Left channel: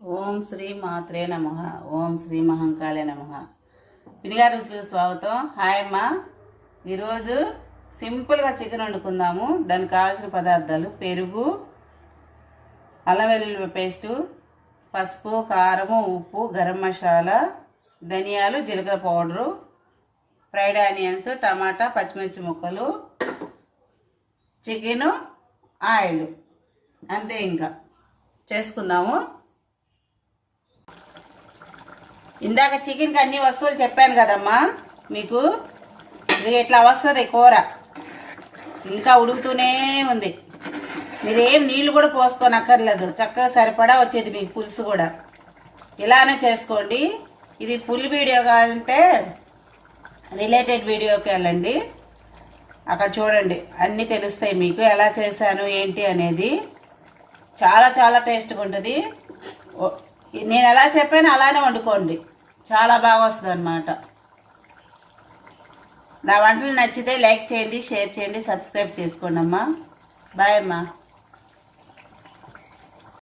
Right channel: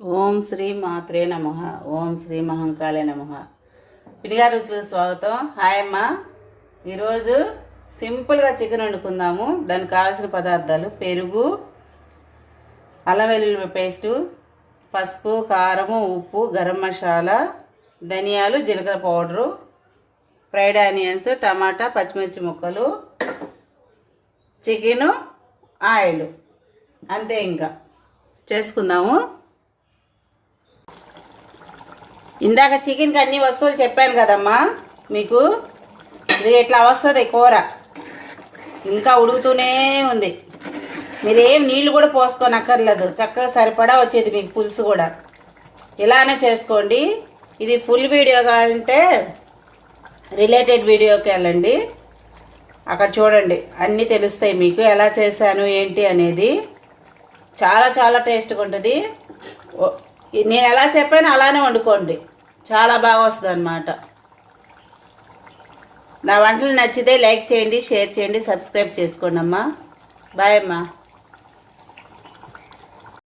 ఓం శ్రీ మాత్రే నమ. ఓం శ్రీ మహంకాళే నమ. పినిగారు రుచులకు స్వాగతం. హాయ్ అమ్మ. ఈరోజు సింపుల్గా చికెన్ వండుకుందాము. దానికి కావాల్సిన పదార్థాలు పెరుగు అల్లం వెల్లుల్లి పేస్టు పసుపు కారము ఉప్పు గరం మసాలా ధనియాలు జీలకర్ర పౌడరు ఫ్రైడ్ ఆనియన్స్ టమాటా పచ్చిమిర్చి ముక్కలు చికెను ఆయిల్. అంతే ఇంకా. చేసుకుందాము. ఇందాక చికెన్కి అన్ని వస్తువులు చెప్పాను కదమ్మా మీకు. ఇది ఎట్లా వస్తుంది కూర? ఇంకా ఉడుకుతూనే ఉంది. మీరేం నీళ్ళు కూడా పోసుకోనక్కర్లేదు. చక్కగా సరిపడా వచ్చేది మీకు పులుసు కూడా. ఇలానే చేసుకోండి. ఇది ఫుల్ వీడియో కావాలంటే రిలేటెడ్ వీడియోకి వెళ్ళండి. అక్కడ చూడండి. అన్నీ తెలుస్తాయి మీకు. ఎలా చేశాను ఏంటి అనేది. చాలా చాలా టేస్ట్గా ఉంటుంది. ఓ- నేను ఎలా చెప్పానో అలానే వండుకోండి. చాలా బాగా వస్తుంది అనమాట నా వంటలు నచ్చితే లైక్ చేయండి షేర్ చేయండి సబ్స్క్రైబ్ చేసుకోండి అమ్మా బాయ్ అమ్మా.